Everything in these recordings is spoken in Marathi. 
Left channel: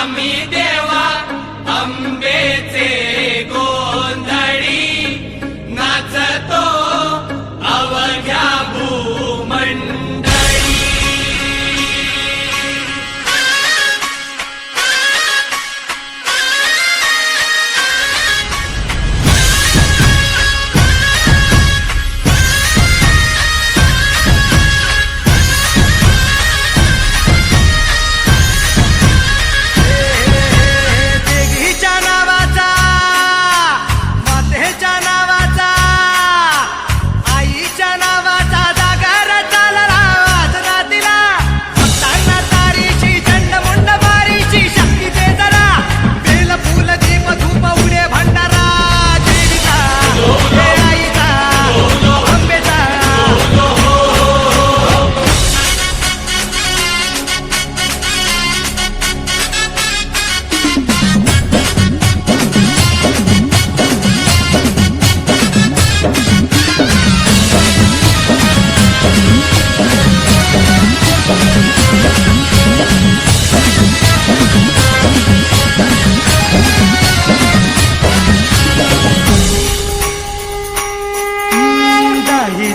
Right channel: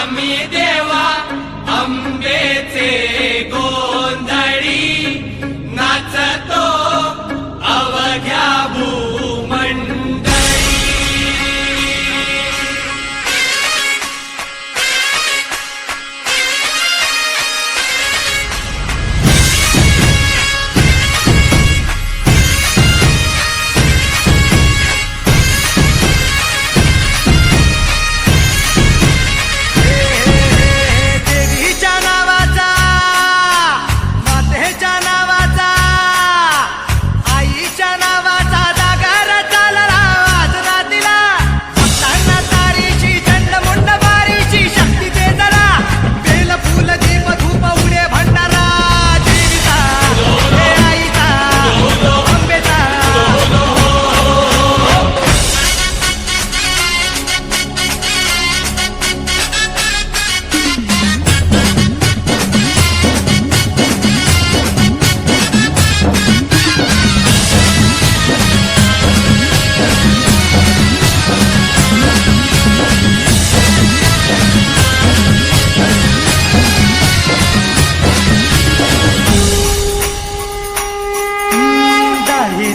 आम्ही देवा अंबेचे गोंधळी नाचतो अवघ्या भूमंडळी.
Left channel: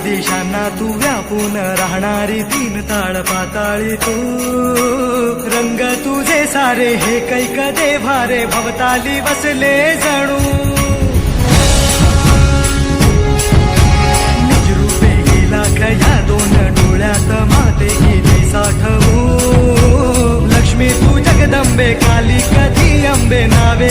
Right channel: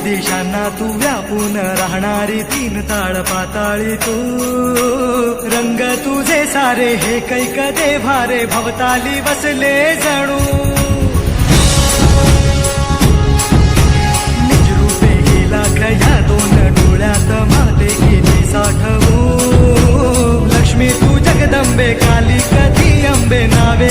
दिशांना तू व्यापून राहणारी तीन ताळ पाताळी तू. रंग तुझे सारे हे कैक देभारे भवताली बसले जणू. निजरूपे गेला खया दोन डोळ्यात माते किती साठवू. लक्ष्मी तू जगदंबे काली कधी अंबे नावे